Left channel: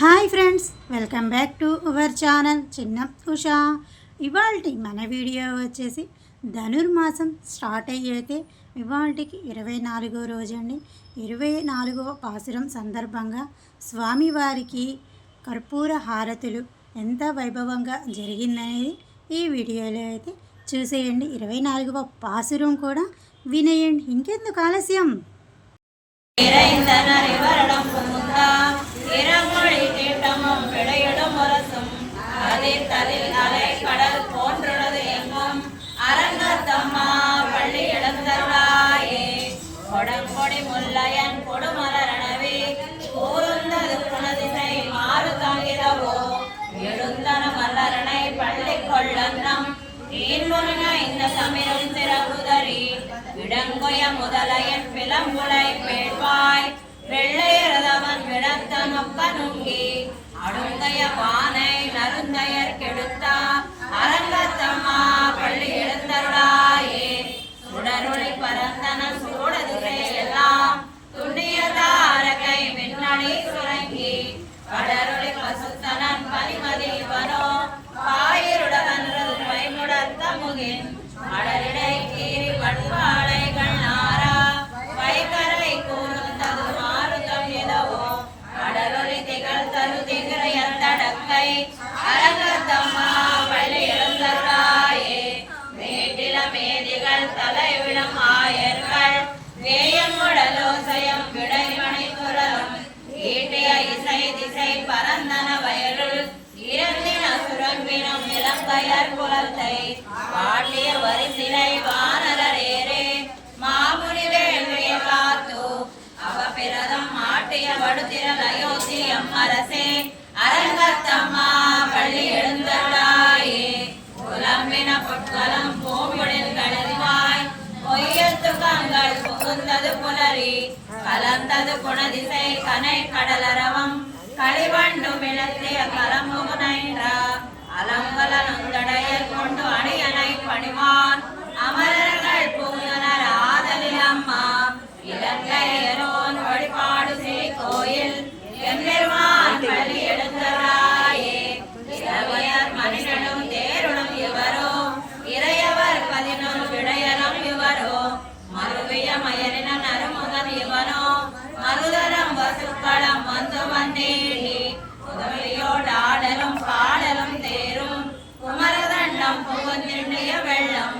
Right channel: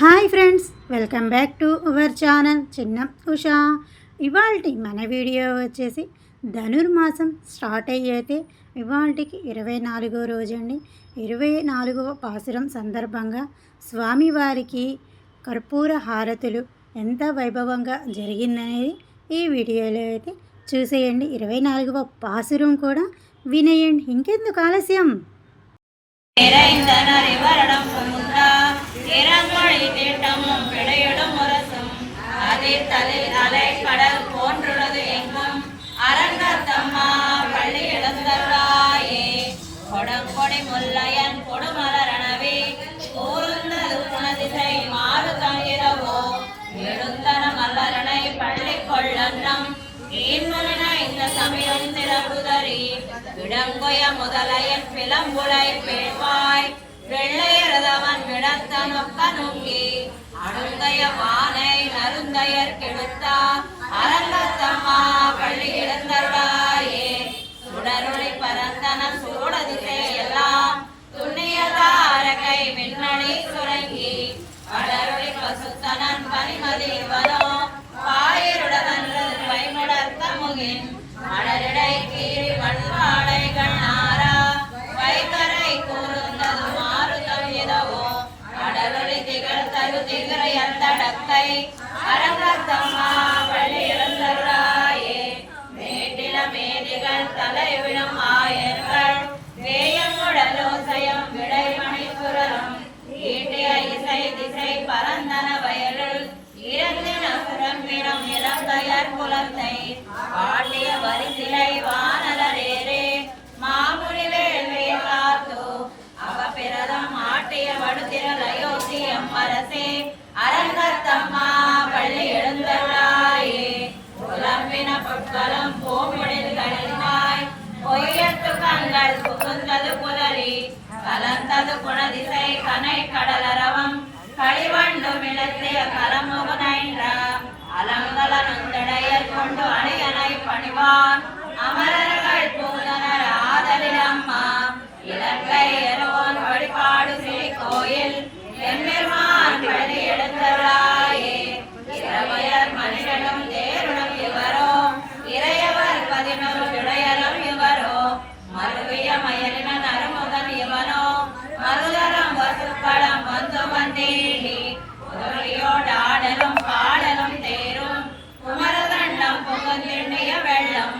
Hi friends, welcome back to our channel చిన్న ఉషా. ఇవాల్టి మన వీడియో వచ్చేసి ధనుర్మాసం స్టార్ట్ అయ్యేతే ఇవాల్టికి 24వ రోజు అండి. 24వ పాసురం సందర్భంగా స్వామివారికి కర్పూర హారతులు ఎంత వైభవంగా జరిగిందనేది ఈ వీడియోలో అయితే చూసేయండి. 24వ పాసురం కూడా వినేయండి. ఇంకెందుకు ఆలస్యం? கடல் போன்றுள்ளது எங்கும் அரங்கத்தம்மா பள்ளி எழுந்தருளாயே கொடங்கொடி முல்லையன் கொடுமலரணவே கூர்ந்தது குணதிசை மாறு தங்கிரவோ எழுந்தன மலரணை பள்ளி கொள்ளன்னம் ஈன்முன இந்த சமிரும் திறகுதறி இடங்கொய முதலையன் பிளம்புலை பேழ்வாய் வெள்ளையரதவன் விடத்த நொக்க நுங்கி அருந்தைய பானை நருந்தையர் கெடுத்தா அரங்கத்தம்மா பள்ளி எழுந்தருளாயே சுடருளி பரந்தன சூடதிசை எல்லாம் துண்ணியதாரகை மின்னணி சுரங்கி கடருளி பசுத்தனன் பனிமதிவனோ பாயிருடவன்றது பைமுடர்த்த முகின் மலரிடை கீறி மடுமாலை கண்ணாரா வைகரை கூர்ந்தது மாறு தவியதவோ கடலொளி திகழ் தரு திகரையத்தடக்கை அரங்கத்தம்மா பள்ளி எழுந்தருளாயே மேட்டில மேதிகள் தலைவிழும் ஆயர்கள் வேயங்குடலோசயம் விடைமணி துரலும் ஈட்டிய இசை திசை பரந்தன வயலுள் இரந்தின சுரம்பினம் இளங்கையர் குலத்தை பாட்டிய வரிசிலை வானரேரே மாமுனிவேல்விய காத்து அவ பிரதம் ஆட்டிய வடுதிரல் அயோத்தி அம்மரசே அரங்கத்தம்மா பள்ளி எழுந்தருளாயே புலம்பின பொற்களம் பூங்குழில் கலரிவாய் பொய்யத்து கண்கள் புகுந்தது புலரி கலந்தது குணதிசை கனை கடலரவம் களிவண்டு மிளத்திய கரமுகனைன்ற அலங்கல நந்தடையர் கொண்டு அணியனை பணிவான் அமரர்கள் பூதனர் ஆதலில் அம்மா இலங்கை எலோன் வழிபாடு செய் கோயில் எம்பெருமான் பள்ளி எழுந்தருளாயே இரவையர் மனிதனும் தேருடும் இவரோ இறையவர் 11 இடையரும் இவரோ மருவிய மயலின நறுமுதல் இவனோ மருதரம் வசுக்களம் வந்து வந்தேடி உதவியோடு ஆடலும் பாடலும் தேரும் குமரதண்டம் புகுந்திருண்டிய வெள்ளம்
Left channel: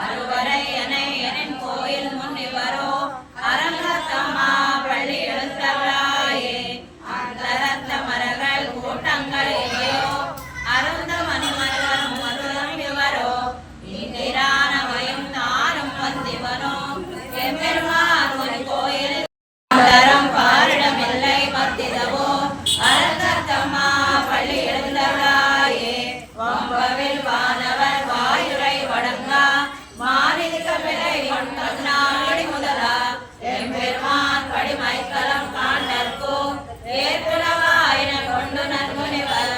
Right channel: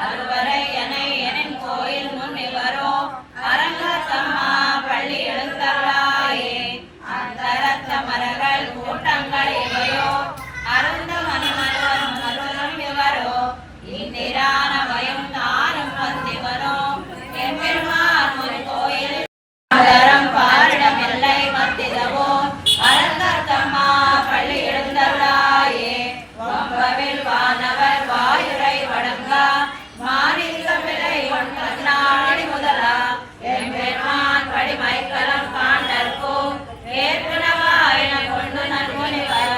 அறுவரை எனின் கோயில் முன் இவரோ அரங்கத்தம்மா பள்ளி எழுந்தருளாயே அந்தரத்த மரங்கள் கூட்டங்கள் இவையோ அருந்த மணிமலரும் மருதம் இவரோ இந்திரானவையும் தானும் வந்திவனோ எம்பெருமான் ஒரு கோயில் பாரிடம் எல்லை மத்திதவோ அரங்கத்தம்மா பள்ளி எழுந்தருளாயே வம்பவில் வானவர் வாயுரை வடங்கா மாநில விலை நாடி முதலா எம்பெருமான் படிமைக்கலம் காண்டற்கோ ஏற்புணவாயின கொண்டு நற்முனிவர்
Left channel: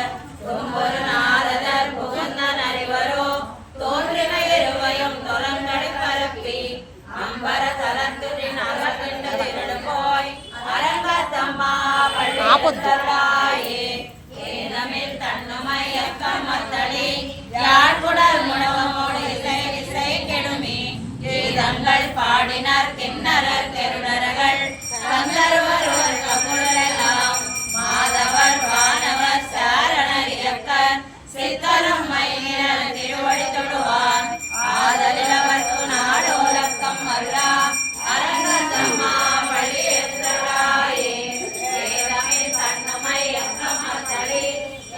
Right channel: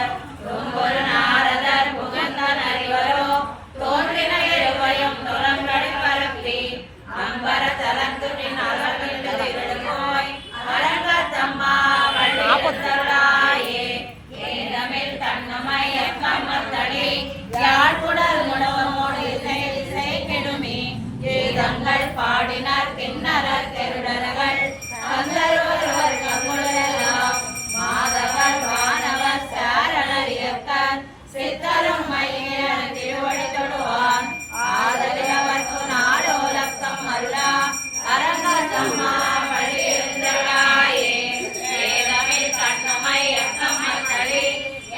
ஒரு நாரதர் புகுந்த நரிவரோ தோன்றின இருவையும் துறங்கடி பரப்பி அம்பர தலந்துரின் அரவிந்து திரடுபோய் அரங்கத்தம்மா பள்ளி எழுந்தருளாயே ஏனமில் தன்னுமை எக்கம்மத்தளி யாழ்குடல் முடவமோடு இசை கெடுமி கீதங்கள் பாடினர் கிண்ணறர் கெருடர்கள் கந்தருவர் கங்குழலெல்லாம் மாதவர் வானவர் சாரணர் இயக்கர் சித்தரும் மையினர் திருவடி தொடுவான் ஆதலில் அவர்க்கு நாடோலக்கம் அருளா அரங்கத்தம்மா பள்ளி எழுந்தருளாயே ஏனமில் தன்னுமை எக்கம்மத்தளி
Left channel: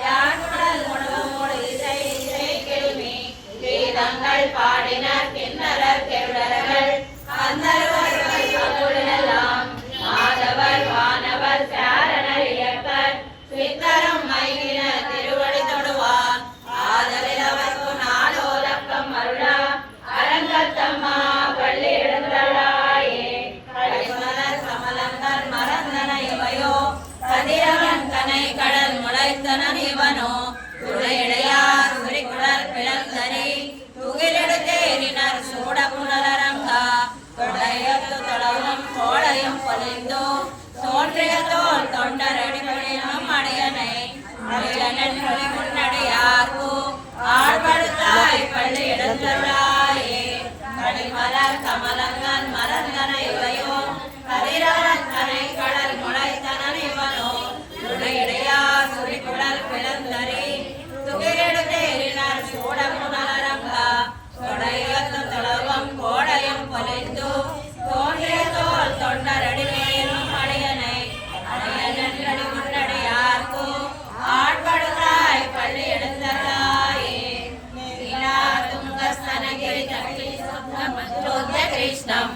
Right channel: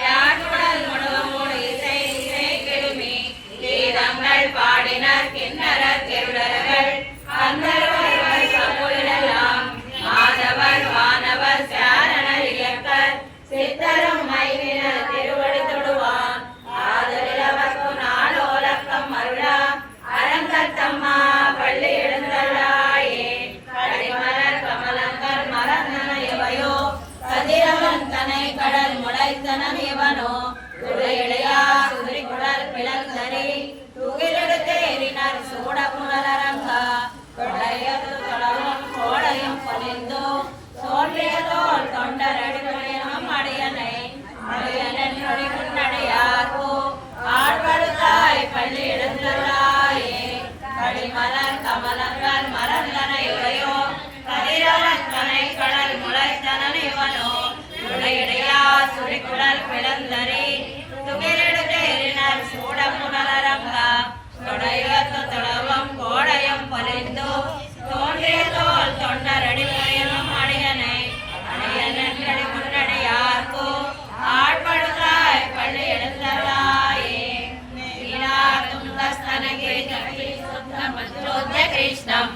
யாழ்குடல் முடவமோடு இசை கெடுமி கீதங்கள் பாடினர் கிண்ணறர் கெருடர்கள் கந்தருவர் கங்குழலெல்லாம் மாதவர் வானவர் சாரணர் இயக்கர் சித்தரும் மைவினர் திருவடி தொடுவான் ஆதலில் அவர்க்கு நாளோலக்கம் அருளா அரங்கத்தம்மா பள்ளி எழுந்தருளாயே கடிமலர் கமலங்கள் மறந்தன இவையோ கதிரவன் தனை கடல் முளைத்தனன் இவனோ துளையடையார் உரிகுடல் பிளந்தரி துகிலெடுத்தேறினர் சூட புனலரங்கா கொடையத்து தொடரும் கோடையும் பொலிந்தோ தோன்றிய தோல் தொண்டரடி அடியனை அருளன் முன்னடியார்க்கு ஆழ்வழுத்தாய் பள்ளி எழுந்தருளாயே கடிமலர் கமலங்கள் மலர்ந்தன இவையோ கதிரவனை கடல் முளைத்தனன் இவனோ துணையடையா சுரிகுழல் பிளந்தனி துகிலெடுத்தேறினர் சூடமுனலரங்கா தொடையத்து தொடர்வம் கோடையம் பொலிந்து தோன்றிய தோல் தொண்டரடிமையிலும் அடியனை அடியனன்றடி முன்னடியார்க்கு ஆட்படுத்தாய் பள்ளி எழுந்தருளாயே நீலா துங்கஸ்தனகிரி கட்டி சுத்த கிருஷ்ணம்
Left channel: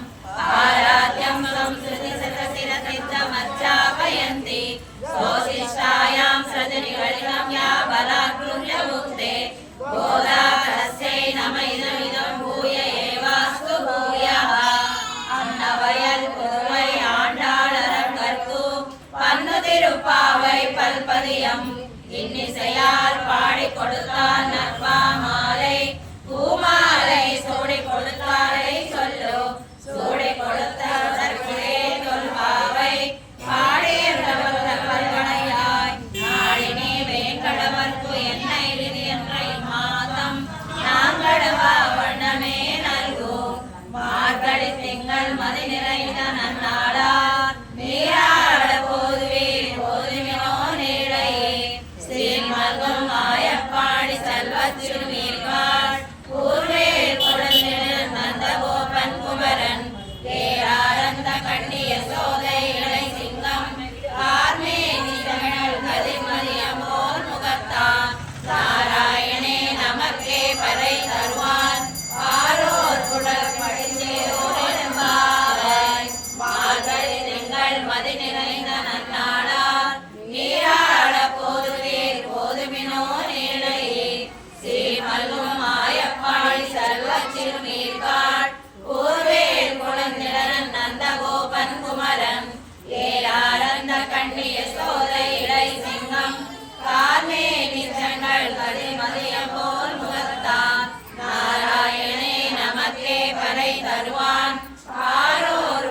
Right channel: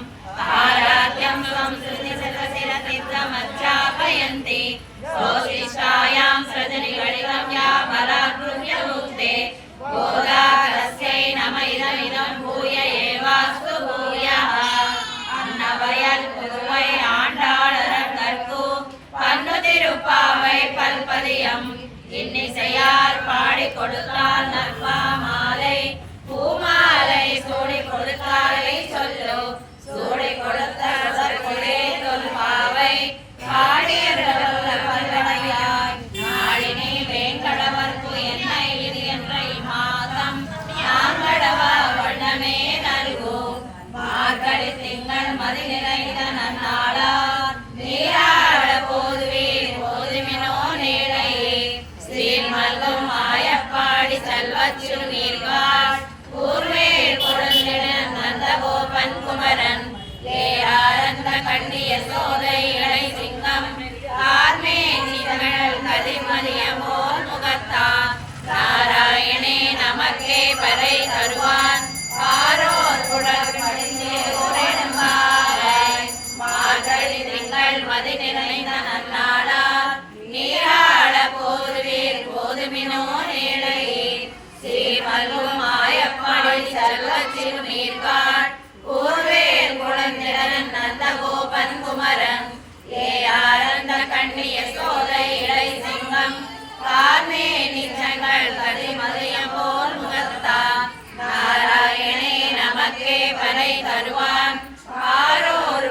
ஆராத்யம் சம்ஸ்ருதி சகசிரசித்தமச்சாபயந்தி சோசிஷ்டாயாं ஸ்ருதிநிகழிதம் யா பலாக்ருத்ய முக்தே கோதாரஸ்யை நம இதமிதம் பூய ஏவாஸ்து பூயः அன்னவயல் புதுவை ஆண்டாளரங்கற்கு பன்னு திருப்பாவை பல்பதியம் இன்னிசையால் பாடி கொடுத்தால் நற்பா மாலை பூமாலை சூடி கொடுத்தாரை சொல்லு சூடி கொடுத்தே தொல்பாவை பாடியவல்ல பல்வனையாய் நாளினே வேங்கடவர்க்கு என்னை விதி என்ற மாதம் நாங்கடவா வண்ணமே நல்கு மார்கழி திங்கள் மதி நிறைந்த நன்னாளார் நீராட போதுவீர் போதுமினோ நீரையே ஸ்ரீமல்கும் மாயப்பாடி செல்வச்சிறு நீர்காள் ஊர்வேர் கொடுந்திட நந்தகோபன் குமரன் ஏராரந்த கண்ணிய சோதை இளை சிங்கம் கார்மேனி தமிழ் கதிர்மதியமோர் முகத்தான் நாராயணே நமக்கே பறை தருவான் பாரோர் குழல் மார்கழி திங்கள் மதி நிறைந்த நன்னாளார் நீராட போதுவீர் போதுமினோ நீழையே ஸ்ரீமல்கும் மாயப்பாடி செல்வச்சிறு நீர்காள் ஊர்வேல் குழந்திரன் நந்தகோபன் குமரன் ஏராரந்த கண்ணிய சோதை இளை சிங்கம் கார்மேனி செங்கல் கதிர்மதியம் போல் முகத்தான் நாராயணே நமக்கே பறை தருவான் ஆரோர்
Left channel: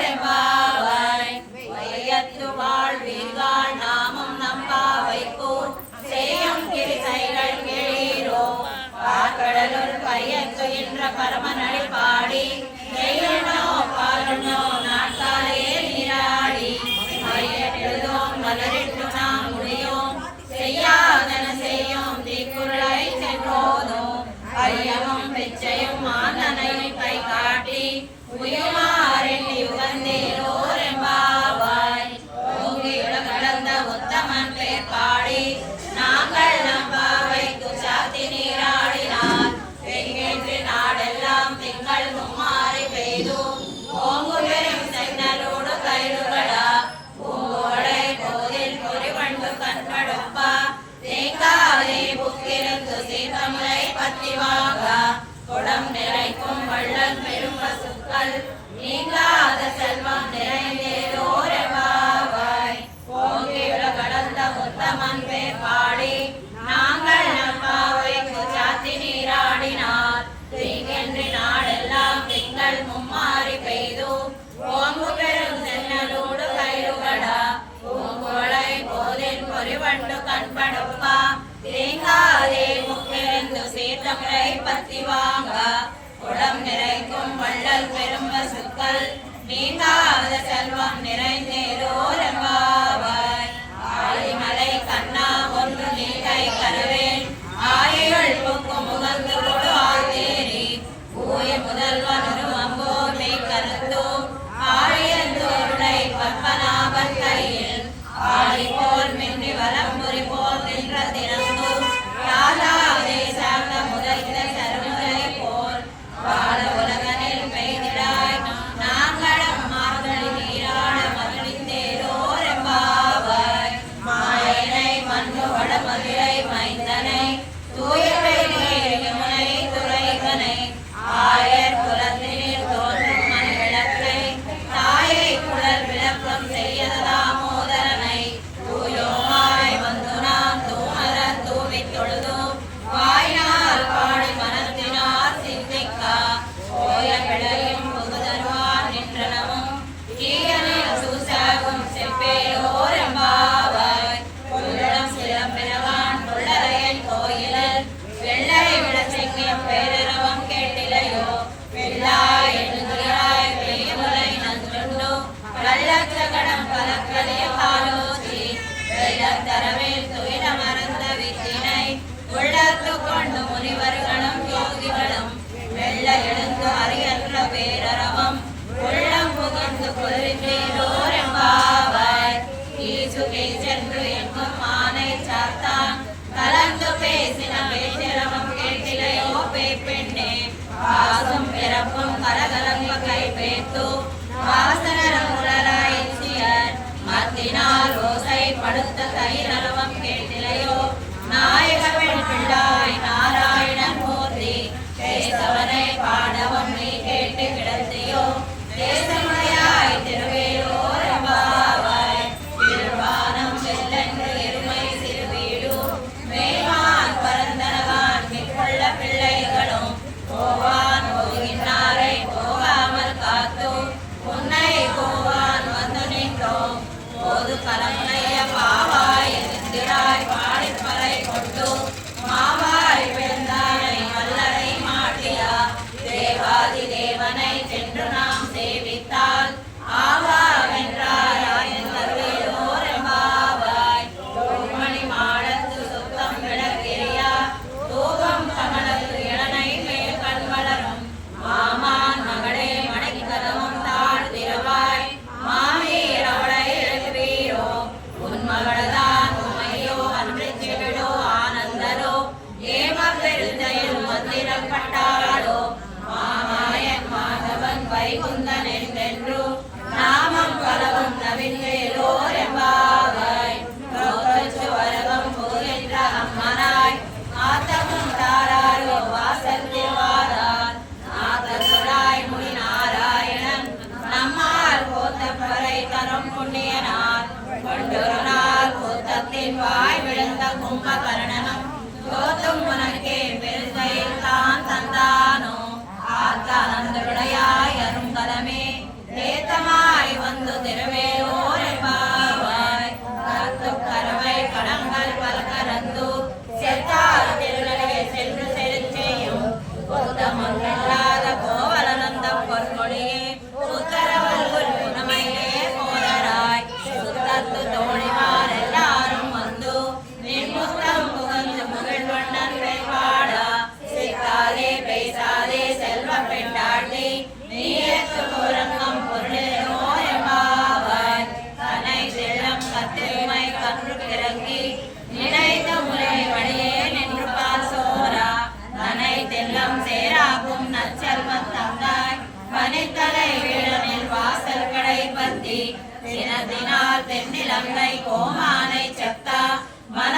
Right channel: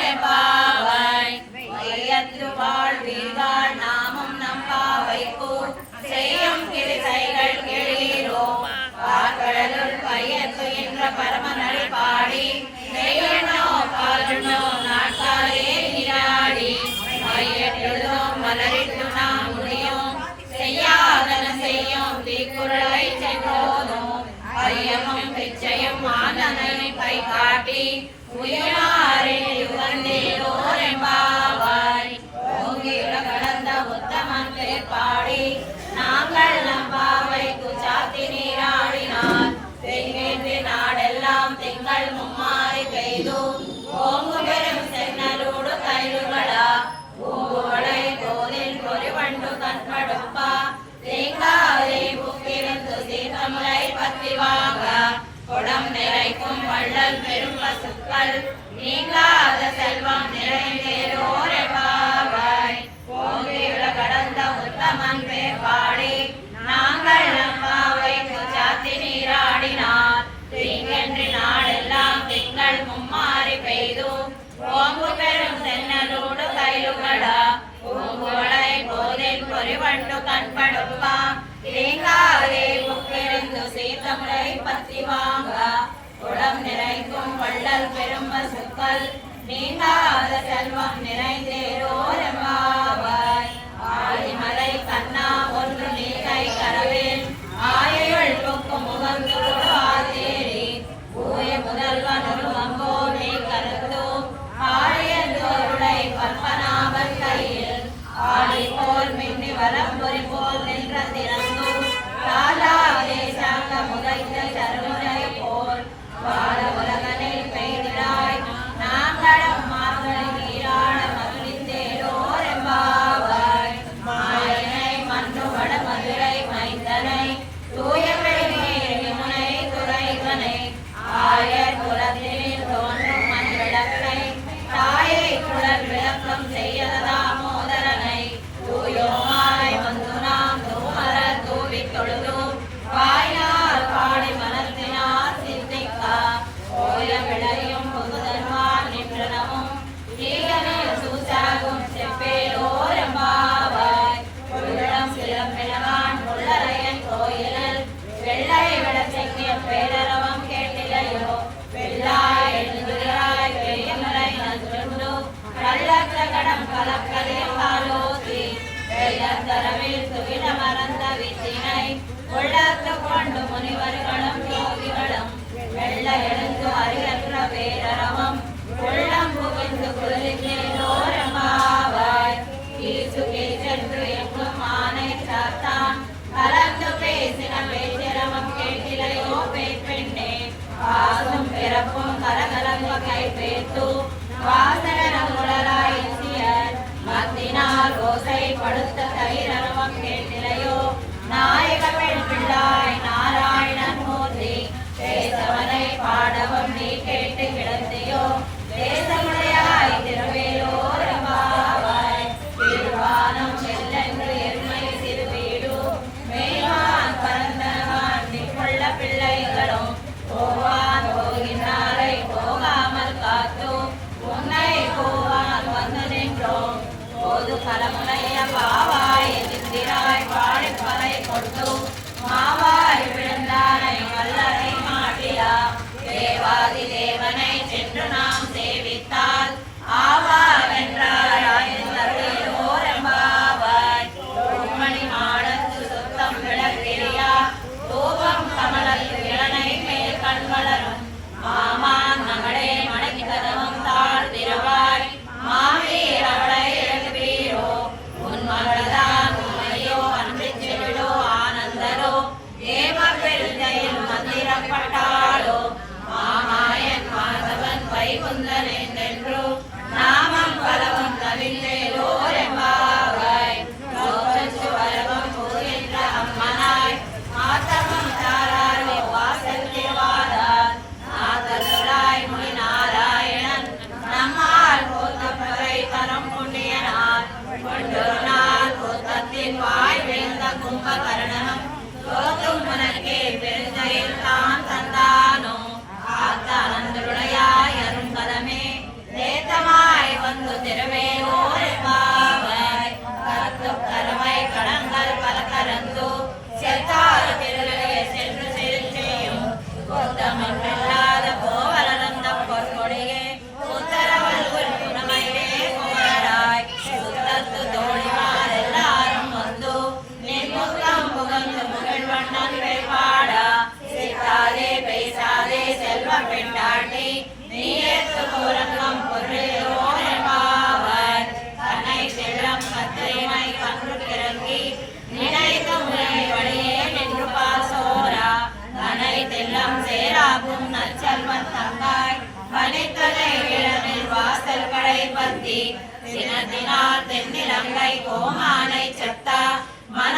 புறப்படிந்தேரோரெம்பாவாய் வையத்து வாழ்வீர்கள் நாமும் நம்பாவைக்கு செய்யும் கிரிசைகள் கெளீரோ பாக்கடலுள் கையத்து என்ற பரமனடி பாடி நெய்யனோ பாலனோ நாட்டாலே நீராடி கையெழுதும் மலரிட்டு நாம் முடியும் செய்யாதன செய்யும் தீக்குறளை சென்றோதும் ஐயமும் பிச்சையும் ஆனனை கை காட்டி உயமாறின் யுகந்தேரோரெம்பாவாய் ஓங்கிட கடந்த உத்தமன் பேர் பாடி நாங்கள் நம்பாவைக்கு சாத்தி நீராடினார் தெங்கின்றி நாடெல்லாம் திங்கள் மும்மாறி பெய்து ஓங்கு பெரும் சென்னலோடு கயிறுகளா பூங்குவளை போதில் பொறிவண்டு கண்படுப்பா தேங்காதே புக்கிருந்து சீர்த்தமுலை பத்தி வாங்க குடம் நிறைக்கும் வள்ளல் பெரும் பசுக்கள் நீங்காத செல்வம் நிறைந்தேரோரெம்பாவாய் ஓங்கியுல கடந்த உத்தமன் பேர் பாடி நாங்கள் நம்பாவைக்கு சாத்தி நீராடினார் தீங்கென்று நாடெல்லாம் திங்கள் மும்மாறி பெய்து ஓங்கு பெரும் சென்னலோடு கயிறுகளா பூங்குவளை போதில் பொறிவண்டு கண்படுப்பா தேங்காதே முக்கிருந்து சீர்த்தமுலை பத்தி வாங்க குடம் நிறைக்கும் வள்ளல் பெரும் பசுக்கள் நீங்காத செல்வம் நிறைந்தேரோரெம்பாவாய் ஆலிமலை கண்ணா ஒன்று நீகை கரவேல் ஆயுள் புக்கும் முகந்து கொடு ஆதேரி பூய முதல்வன் ஒரு அம்போர் மெய் கருத்து ஆழியந்தோருடை பற்பனாபன் கையில் ஆழி போல் மின்னி வலம்புரி போல் நின்ற திறந்து யாழாதே சார்ந்த முதலை தருமுறை போல் வாழ உலகனில் பெய்திடாய் நாங்களம் மார்கழி நீராட மகிழ்ந்தேரோரெம்பாவாய் மாயனை மண்ணு வட மதுரை மைந்தனை தூய பெரிய யமுனை துறைகனை ஆயர் குலத்தினில் தோன்றும் மண் விளக்கை தாயை குழல் விளக்கம் செய்யத தாமோதரனை தூயோமாய் வந்து நாம் தூமர தூவித் தொழுது சுகே சென்று எங்கும் ஆனை சாத்தான் கலந்து பேசின பேச்சிரவம் கேட்டிலையோ பெண்ணே வாசும் பிறப்பும் கலகலங்க கை பேத்து வாசகரமுடராய் சியர் மத்தினால் ஓசை படுத்த தைரவம் கேட்டிலையோ நாயக பெண் பிள்ளாய் நாராயணன் மூர்த்தி பேசவனை பாடவம் நீ கேட்டு கிடத்தியோ தேசமுடையாய் திருவேலோர் எம்பாவாய் திருவானம் செல்லென்று எருமை சிறு வீடு மேல்வான் பரந்தனவான் நிற்கொள்ள பிள்ளைகளும் போவான் போகின்றாரை போகாமல் காத்து உன்னை போவான் வந்து நின்றோம் போது கலமுனைய பாவாய் எதிர்த்திராய் பாடிப்பறை கொண்டு மாவாய் விழுந்தானை வல்லரை மாட்டியா தேவாதி தேவனை சென்று நாம் சேவித்தால் ஆவா வென்றாய் எம்பாவாய் மணி மாடத்து சுத்தம் விளக்கிறியா தூபம் கமலத்து இளனை மேல் கண் வளரும் மாமான் மகளே மணக்கி கதவம் தாழ் திரவாய் மாவீர் அவளை எழுவீரோ உன் மகளதான் உண்மையோ அன்று செவிடோ ஆனந்தரோ ஏம பெருந்தையில் மந்திரப்பட்டாளோ மாமாயன் மாதவன் வைகுந்தன் என்றென்று நாமம் பலவும் நவின்றேலோ எம்பாவாய் வரவம் போகின்ற அம்மனாய் ஆத்தமும் தாராரோ வாசல் திருவாரார் ஆதலாய் முனி நாராயணன் நம்மால் போத்தப்பறை தரம் புண்ணியனார் கொண்டொரு நாள் போத்தத்தின் வாய் விழுந்த கும்பகர்ணனம் தோத்தும் உனக்கே பெருந்தையில் தான் தந்தானோ ஆத்தானந்துடையாய் அருங்கலமே தேத்தமாய் வந்து திருவேலோர் எம்பாவாய் கத்து கருவை கடங்கள் பல கரந்து செத்தாய் திருநிலையை சென்று செலுச்செய்யும் குத்தமில்லாத கோவலந்த பொற்கொடியே உத்தரவல் குணமையே போராய் சுத்தத்து தோழிமார் எல்லாரும் வந்து நின்முத்தம் புகழ்ந்து முகிழ்வண்ணன் வேட்பாடா சிக்காதே பேசாதே செல்வ பெண்டாட்டி நீ ஏற்று புறங்கம் பொருளோ எம்பாவாய் தன்னை செல்லம் கத்திரைமை கன்று கிறங்கி நினைத்த முறை வழியே நின்று பாசோரா தனை தெல்லம் சேராகும் நற்செல்வத் தங்காய் பனித்தலை விழனில் வாசல் கடை பத்தி சினத்தினால் தென்னிலங்கை கோமானை செத்தா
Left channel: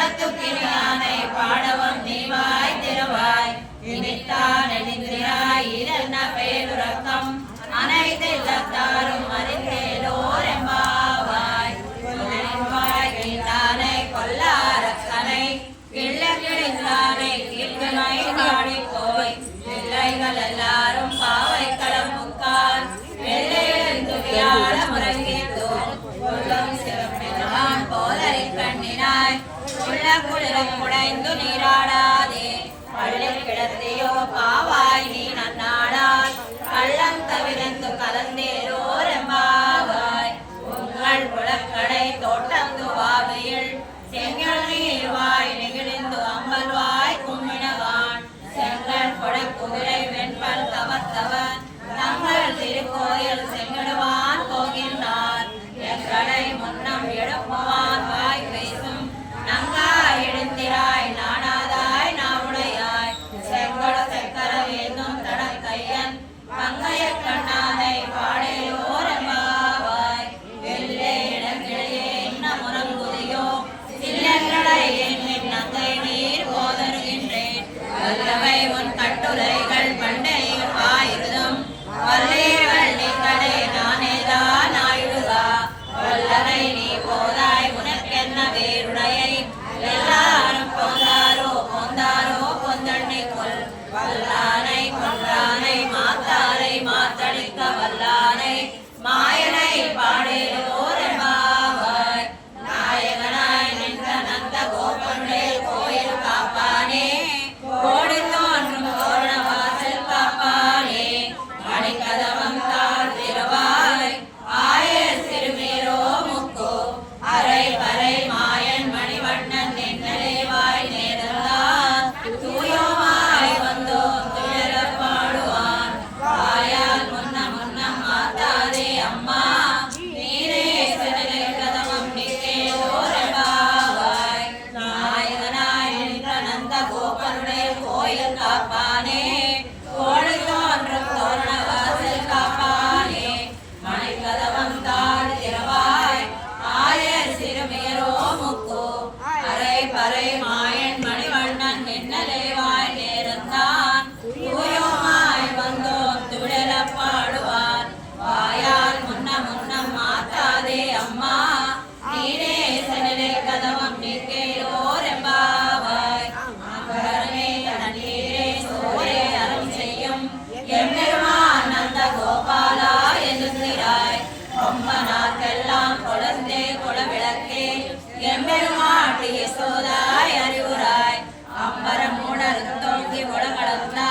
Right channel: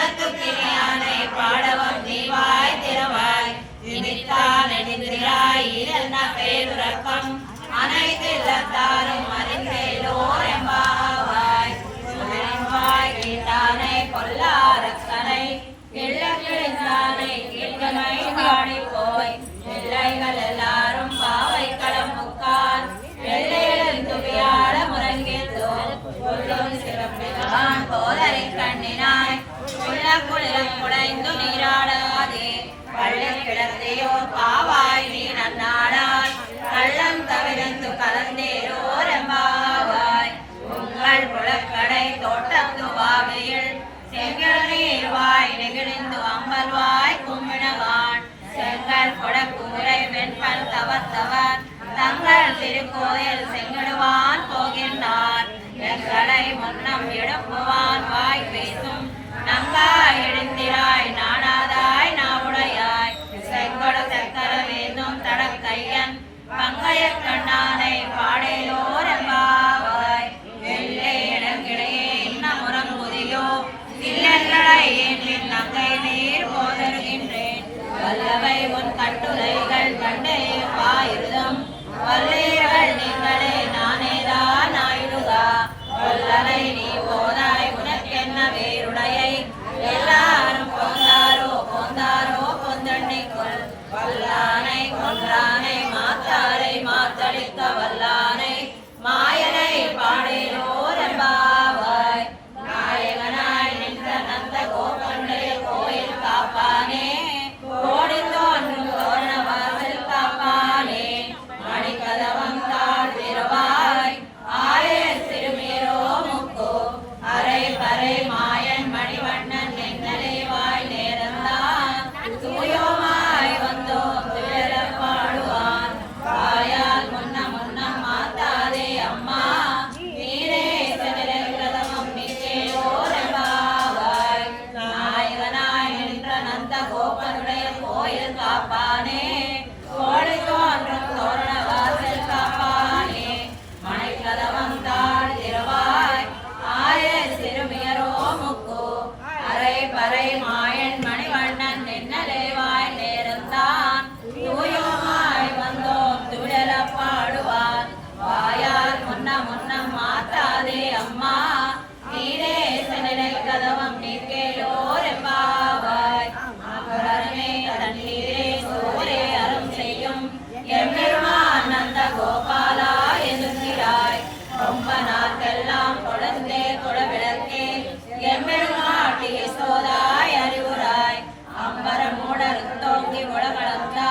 மனத்துக்கினியானை பாடவம் நீவாய் திரவாய் இனித்தான் எதிராய் இதென்ன பேருறக்கம் அனைத்தில்லத்தாரும் அறிந்தேலோர் எம்பாவாய் சொல்லின்பாய் கீழ்த்தானை கொல்லாரக்கனை கிள்ள கிழிந்தானை கீழ்கனை காணி போய் பிள்ளைகள் எல்லாரும் பாவை களம் முக்கால் வெள்ளையிழந்து வியாழ முறங்கித்தோ கொல்லும் சிவப்பிதான் போதரை கண்ணினாய் உள்ள குளிரம் குடைந்து நீராடாதே பள்ளி கிடத்தியோ பாவாய் நீ நன்னாடாய் கள்ளம் தவிர்த்து கலந்தேரோர் எம்பாவாய் உங்கள் புலக்கடை தோட்டத்து வாவியில் செங்கல் நீர்வாய் நெகிழ்ந்து அம்பல்வாய் கும்பினவான் செங்கல் கொடக்கூரை வெண்பல் தவத்தவன் தங்கள் திருக்கோயில் செங்கடுவான் போகின்றார் எங்களை முன்னம் எடுப்பவான் வாய் பேசும் நங்காய் எழுந்திராய் நாணாதாய் நாவுடையாய் செங்கடு செக்கர ஏதும் தடக்கையன் பங்கைய கண்ணானை பாடேலோர் எம்பாவாய் வெள்ளை இடங்கிடையே என்ன முறங்குதியோ இல்லங்களை என் நங்கை நீர் போதருகின்றேன் வல்லவை உன் கட்டுரைகள் பண்டையும் ஆயிருதும் வல்லீர்கள் நீங்களே நானேதான் ஆயிடுகா கொல்லனை நீ போதாய் உனக்கென்ன வேருடையை எல்லாரும் போந்தாரோ பொந்தண்ணி கொள் வல்லானை கொன்றானை மாத்தாரை மாத்தளிக்க வல்லானை மாயனை பாடேலோர் எம்பாவாய் நாயகனாய் நின்ற நந்த கோபனுடைய கோயில் காப்பானே கோடி தோன்றும் தோரண வாசல் காப்பானே மணிக்கதவம் தாழ் திரவாய் ஆயர் திருமேரோ முக்கோ அரை பறை மாயன் மணிவண்ணன் என்னலேவாய் நேரந்தான் தூயோமாய் வந்தோம் துயர பாடுவான் வாயால் முன்னம் மாத்தாதே அம்மா நீரே சனிலை கதவம் நிற்கேயோ வரை மாயன் மணிவண்ணன் நின்னலேவாய் நேர்ந்தான் தூயோமாய் வந்தோம் துழல பாடுவார் வாயால் முன்னம் மாத்தாதே அம்மா நீரே செல்லை கதவம் நீக்கேலோர் எம்பாவாய் அகரமே தண்ணீரே சோரே அறம் செய்யும் எம்பெருமான் நந்த கோபாலா எழுந்திராய் ரொம்ப நாட்கெல்லாம் கொலந்தே குலவிளக்கே எம்பெருமாட்டி யசோதாய் அறிவுராய் அம்பர மூடர் தோங்கி உலகளந்தா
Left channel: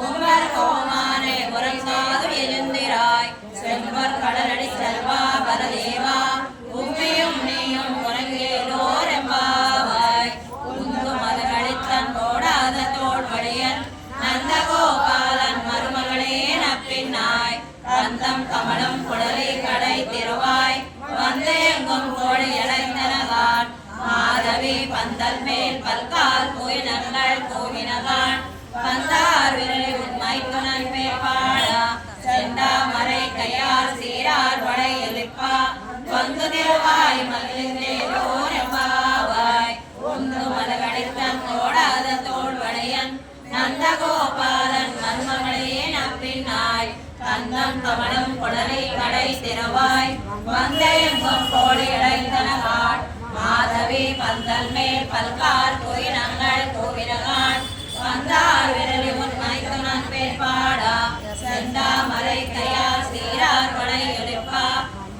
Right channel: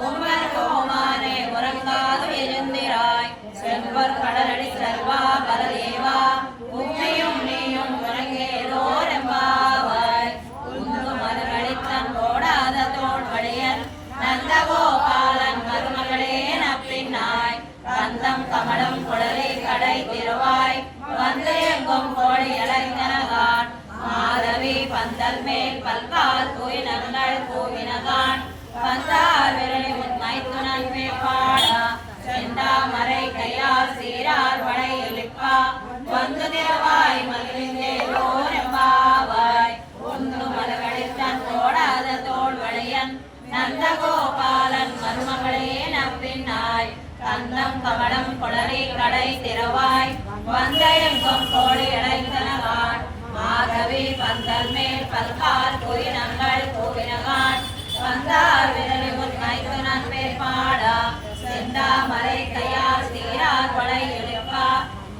உம்மர் கோமானே உறங்காது எழுந்திராய் செல்வர் கடலடி செல்வா பலதேவா உம்மையும் நீயும் உறங்கேலோர் எம்பாவாய் உந்து மலரளித்தன் போடாத தோல்வழியன் நந்தகோபாலன் மருமகளே நப்பின்னாய் கந்தம் கமலம் குடலை கடை திருவாய் வந்து எங்கும் கோழி இளைஞனகான் மாதவி பந்தல் மேல் பல்கால் கோயிலங்கள் கோவினகான் பந்தார் விரலை உண்மை துணல் மேல் பாடா செந்தாமரை கையால் சீரார் வடை எழுப்பா வந்து திருவாய் மகிழ்ந்தேலோர் எம்பாவாய் உந்து மலரடித்தன் போடாத தோல்வளையன் நந்தகோபாலன் மருமகளே நப்பின்னாய் கந்தம் கமலம் குடலை கடை திறவாய் வந்த எங்கும் கோழி இடைத்தனகான் மாதவி பந்தல் மேல் பல்கால் கோயினங்கள் கோவினகான் வந்தார் விரலி உண்மை துணன் பேர் பாடா செந்தாமரை கையால் சீரார் வடை எழுப்பா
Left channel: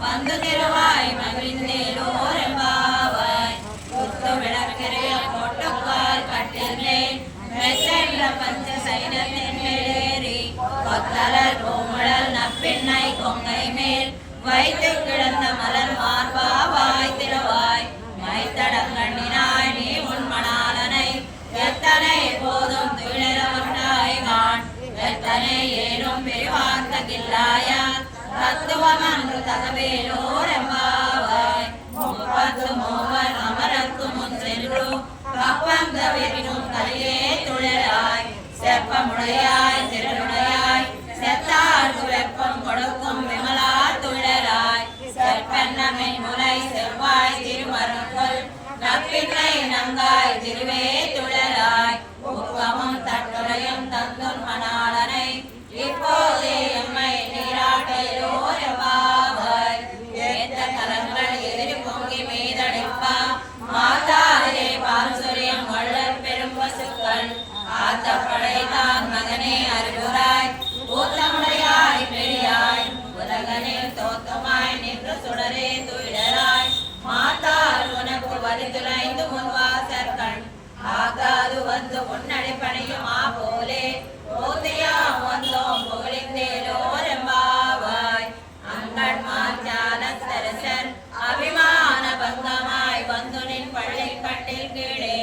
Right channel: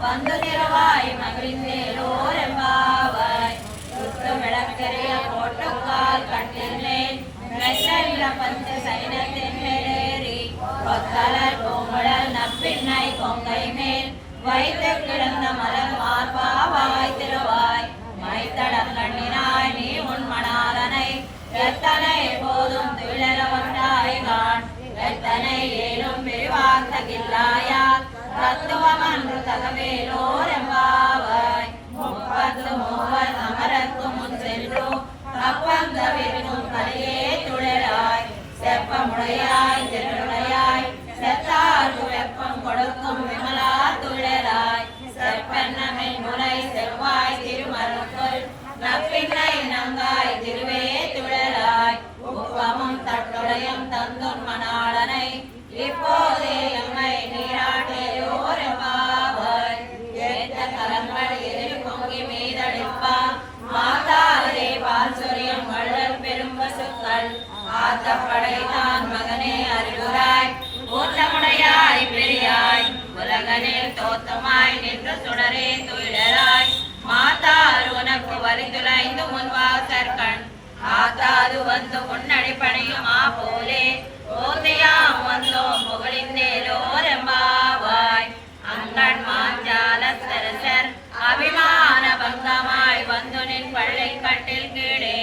வந்து திருவாய் மகிழ்ந்தேலோர் எம்பாவாய் சுத்து விளக்கெரிய போட்டுக்கால் கட்டில் மேல் மெசெல்ல பஞ்ச சைனத்தின் மேலேறி கொத்தலர் கோமழல் நப்பின்னை கொங்கை மேல் வைத்து கிடந்த மலர் மார்பாவாய் திருவாய் மைத்தடங்கண்ணினாய் நீ உன் மணாலனை எத்தனை போதும் துயிலவண்டாய்கான் எத்தனை ஏனும் பிரிவார்த்தகில்லாயா தத்துவமன்று தகவேலோர் எம்பாவாய் முப்பத்து மூவர் அமரத்து முன் சென்று கப்பந்தவினும் கலியே துழலாய் செப்பமுடையாய் திருநுடையாய் செத்தார்க்கு வெப்பம் கொடுக்கும் விமலா துழலாய் செப்பெண்ணமின் முனை செவ்வாய் திருமருக்குள் நப்பின்னை நங்காய் திருவே துழலாய் உப்பமும் தட்டுடையும் தந்துன் மணாளனை இப்போதே எம்மை நீராட்டேலோர் எம்பாவாய் ஏத்த கரங்கள் எதிரி பொங்கி மீதடிப்பா மாதாரே பால் சொரியம் வள்ளல் பெரும் பசுக்கள் ஆத்த படைத்தான் மகனே அறிவுராய் ஊத்தமுடையாய் பெரியாய் உலகனில் தோத்தமாய் நின்று சுடரே துயிலராய் மாதார் உனக்கு வரிதுளைந்து முன்வாசற்கண் ஆத்தாது வந்து முன்னடி பணியுமா போலே ஓதையாம் வந்தோம் புகழிந்தேலோர் எம்பாவாய் அங்கண் மாஞ்சால தரசர் அபிமான பங்கமாய் வந்து நின் பள்ளை கட்டில் கீழே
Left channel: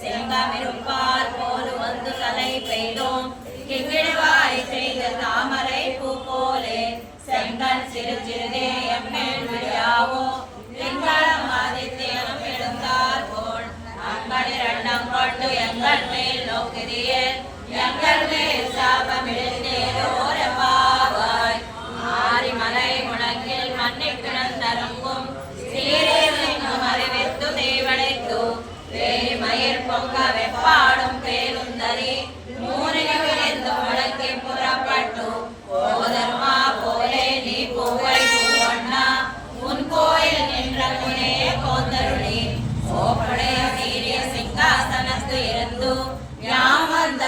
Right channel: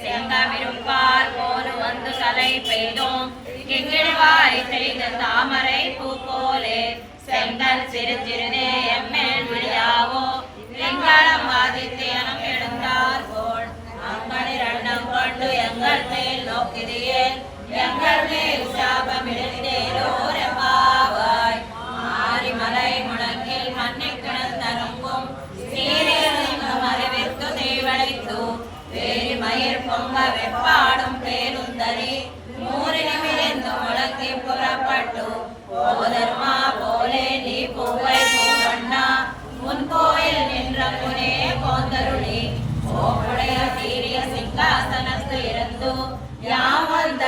செங்கமிருப்பால் போல் வந்து கலை பெய்தோம் கிங்கிடுவாய் செய்த தாமரை பூ போலே செங்கல் சிறு சிறுதே எம்மேல் விழியாவோ திங்களம் ஆதித்யனும் எழுந்தார் போல் அங்களிரண்டம் கொண்டு எங்கள் மேல் நோக்கிறியே எங்கள் மேல் சாபம் எழுந்தேலோர் எம்பாவாய் மாரிமலை முழங்கில் மண்ணில் கிடந்தருங்கும் சீரேவெங்கும் அறிவித்து தீவழித்து வேரி மயிர் பொங்க வெப்பாடும் பேருந்தரி மூரினி விழுந்து முழங்கி புறப்பட்டு போதர்மா போலே நீ பூவை பூவண்ணா உன் கோயில் நின்ற முனே கோந்தருளி சோப்படைய வீரிய சிங்காசனத்து இருந்து யாம் வந்த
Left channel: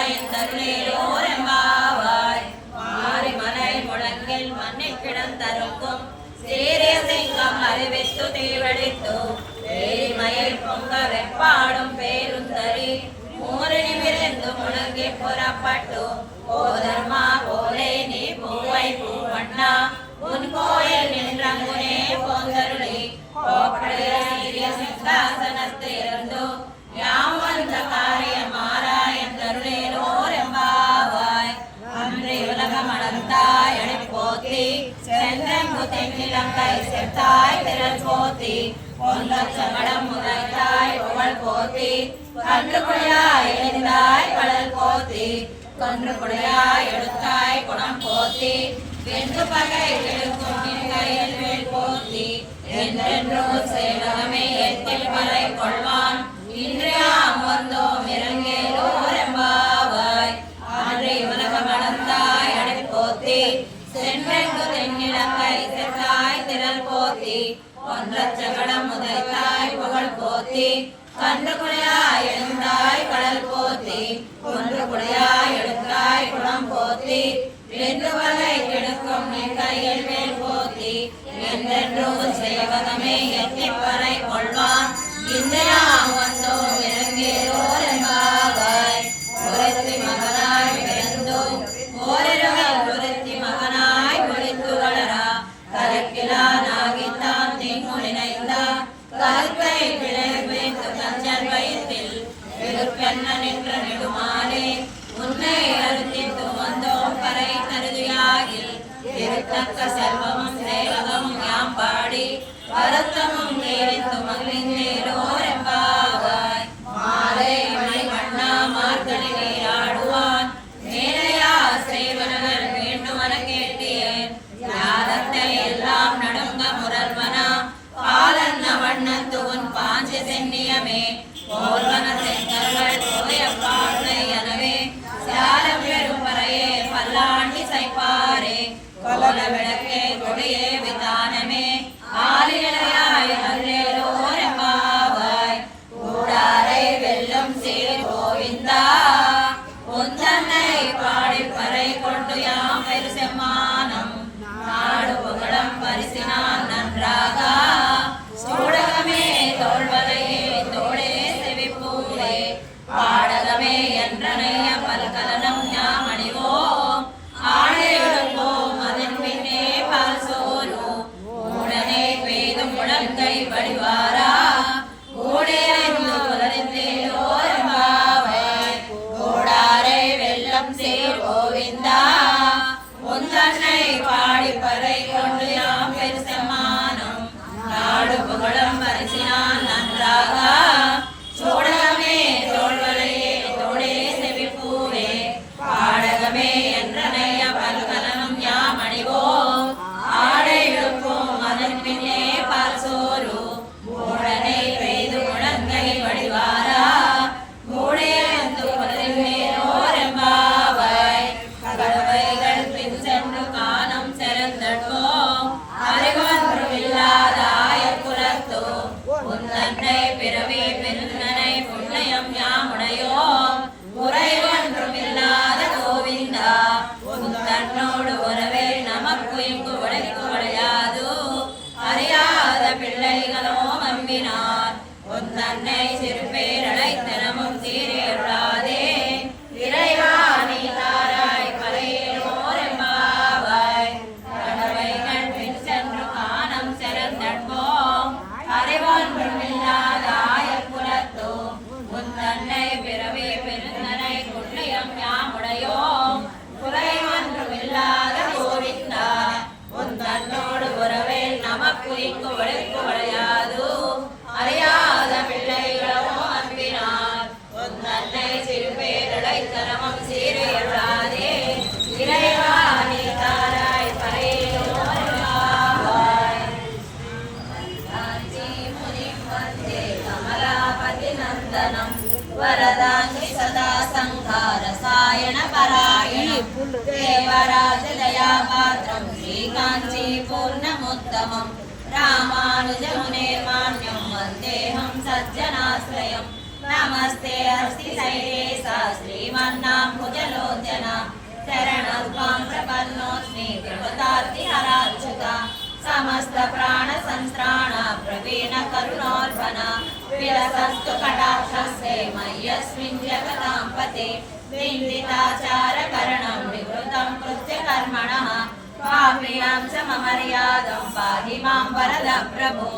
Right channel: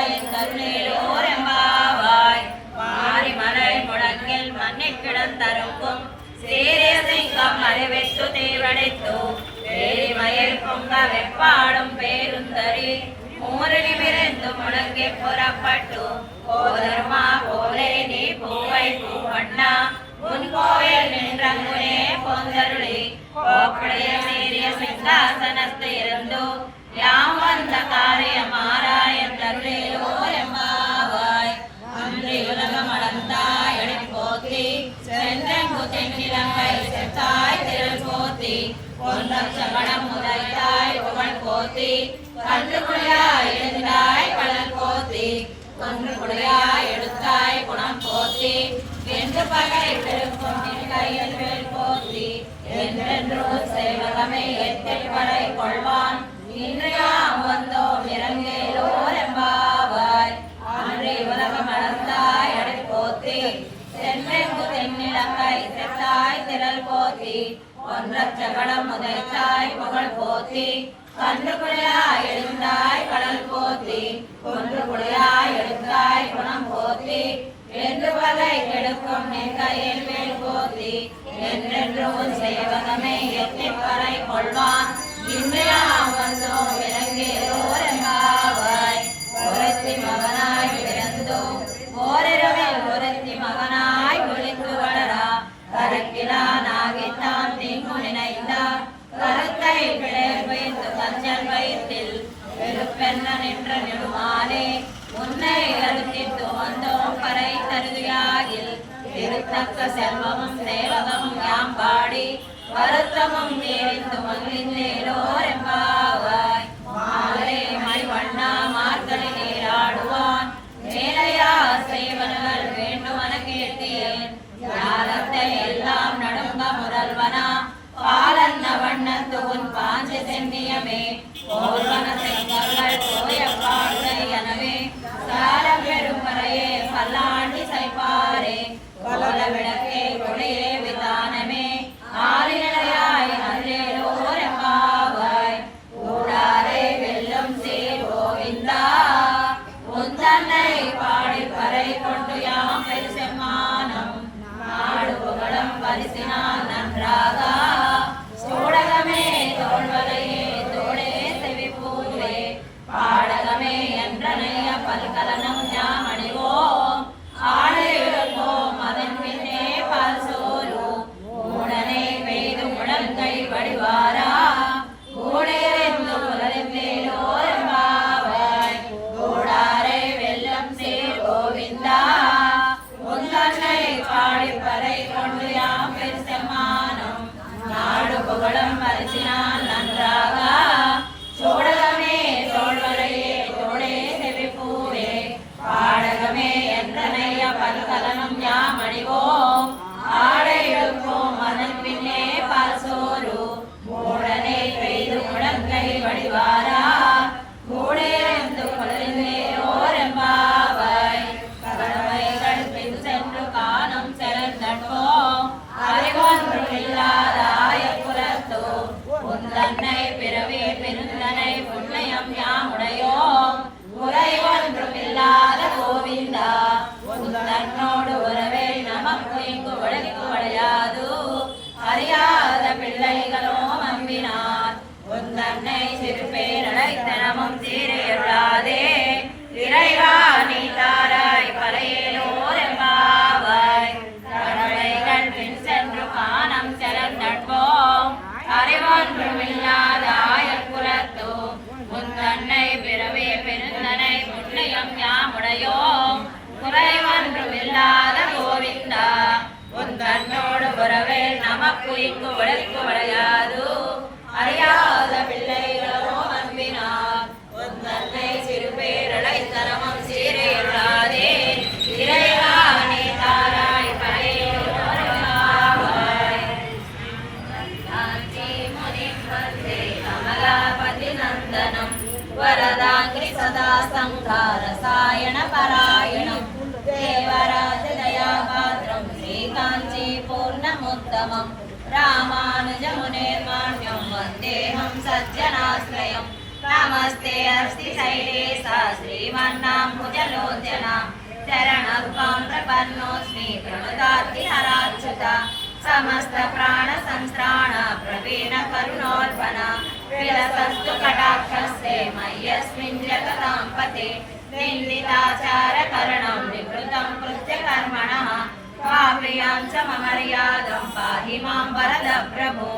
காரியமாராயந்தருளேலோர் எம்பாவாய் மாரிமலை முழங்கில் மண்ணில் கிடந்தருக்கும் சீரிய சிங்கம் அறிவித்து தீவழித்து வேரி மயில் பொங்க வெப்பாடும் பேருந்தரி மூரினி விரைந்து முழங்கி புறப்பட்டு போதர்மா போலே நீ பூவை பூவண்ணா உன் கோயில் நின்ற முனே பொங்கருளி கோப்படைய சீரிய சிங்காசனத்தை இருந்து யாம் வந்த காரியமாராயந்தருளேலோர் எம்பாவாய் அன்றி உலகம் அளந்தாய் எழுப்போத்தி சென்றெங்கு தென்னிலங்கை செத்தாய் திரள் போத்தி பொன்னம் சமடம் முதலாய் புகழ் போத்தி கண்டு குடியாய் எழுந்தாய் கடல் போத்தி கொன்று குடியாய் எடுத்தாய் குணம் போத்தி என்று பகை பெருக்கும் கையில் வேல் போத்தி என்றென்று சேவகமே இல்லத்தில் பறை கொள்வான் இன்றியாம் வந்தோம் இறங்கேலோர் எம்பாவாய் அன்றி உலகம் அளந்தாய் அடி போத்தி சென்றெங்கு தென்னிலங்கை செத்தாய் திரள் போத்தி ஒன்றச் சகடம் உதைத்தாய் புகழ் போத்தி கன்று குழையாய் எழுந்தாய் கடல் போத்தி ஒன்று குழையாய் எடுத்தாய் குணம் போத்தி என்று வலை கெடுக்கும் நின் கையில் வேல் போத்தி என்றென்றும் செய்வதமே எத்திப் பறை கொள்வான் இன்றியாம் வந்தோம் இறங்கேலோர் எம்பாவாய் ஒருத்தி மகனாய் பிறந்தும் ஓரிரவில் ஒருத்தி மகனாய் விழித்து வளரா கருக்கிலானாகித்தான் தின்னு நினைந்தா கருத்தை பிழை வைத்து கஞ்சல் வயிற்றில் வெறுப்பென்ன நின்ற நெடுமாலே உன்னை அறுத்தித்து வந்தோம் பறை கருதியாகில் திருத்தக்க செல்வமும் சேவகமும் யாம் பாடி வருத்தமும் தேடித்து மகிழ்ந்தேலோர் எம்பாவாய் மாலை மணி வண்ணா மார்கழியை ஆடுவான் மேலையா செய்வர்கள் வேண்டுமன கேட்டேன் யாரத்தை எல்லாம் நடுங்க முதல்வனா பாலன்ன வண்ணத்து உன் பாஞ்சு சென்னியமே போல்வன செங்கல்கள் போய பாடுதை எனவே சால பெரும் பறையே பல்லாண்டி சைப்பாரே கோல விளக்கே கொடியே விதானமே ஆலியலையாய் அன்றேலோர் எம்பாவாய் ஊடாரை வெல்லும் சீர் கோவிந்தா உந்தன்னை பாடி பறை கொண்டு யாம் பெரு செம்மானம் நாடு புகழம் பரிசினால் நன்றாக சோடகமே தோல்வலையே தோளே செவிப்பூரே பாடகமே என்றனைய பல்கலனம் யாமணிவோம் ஆடே எடுப்போம் அதன் பின்னே பால் சோறும் ஊடனை பெய்து முழங்கை வடிவாரா ஊடேறிந்து புலரிந்தேலோர் எம்பாவாய் கூடாரை வெல்லம் சீர் கோவிந்தா உந்தன்னை பாடி பறை கொண்டு யாம் பெரு செம்மானம் நாடு புகழும் பரிசினால் நன்றாக சோடகமே தோல்வலையே தோளே செவிப்பூவே பாடகமே என்றனைய பல்கலனம் யாம் அணிவோம் ஆடை எடுப்போம் அதன் பின்னே பால் சோறு மூடனை பெய்து முழங்கை வடிவாரா மூடே வந்து கொலைவேலோர் எம்பாவாய் கடவைகள் பின் சென்று காலம் செலுத்தட்போம் அறிவொன்றும் இல்லாதாய குலத்தோ உந்தன்னை பிறவி பெருந்தனை புண்ணியம் யாமுடையோம் குறைவொன்றும் இல்லாத கோவிந்தா உந்தன்னோடு உறவே நமக்கு இங்கு உலகிற்கு விளையாது அறியாத பிள்ளைகளோ நம்பினார் உந்தன்னை சிறுபேரழைத்தனமும் சீரேறாதே இறைவா நீ தாராய் பறையேலோர் எம்பாவாய் கடவைகள் பின் சென்று காணம் செலந்தட்போம் அறிவொன்றும் இல்லாதாய குலத்தோ உந்தன்னை பிறவே பெருந்தனை புண்ணியம் யாமுடையோம் குறைவொன்றும் இல்லாத கோவிந்தா உந்தன்னோடு உறவே நமக்கு இங்கு உழைக்கு விளையாது அறியாத பிள்ளைகளோ அன்பினார் உந்தன்னை சிறுபேரழைத்தனமும் சீரையொழாதே இறைவா நீ தாராய் பறையோர் எம்பாவாய் காஞ்சி முனிம் வந்தே கமலாபதி நந்தனம் வரதாங்கி சதா சங்கார சாயண பராயணம் தேவராஜ தயாபாத்திரம் ஸ்ரீகாஞ்சி பூர்ணமுத்தமம் ராமானுஜ முனிர்மாண்யம் வந்தேஹம் சஜ்ஜனாஸ்ரயம் நமஸ்தே அஸ்தி சைலேசா श्रीमन्नाम्बुजलोचना शरणत्वं प्रपन्नोऽस्मि प्रणतार्ति हराच्युता समस्त प्राण संस्त्राण प्रवीण करुणोर्पण विलसस्तु कटाक्षस्ते मय्यस्मिन् जगतां पते निन्दिताचार करणं निवृतं कृत्यकर्मणः पाप्रियां च ममर्यादं पाहि मां वरद प्रभो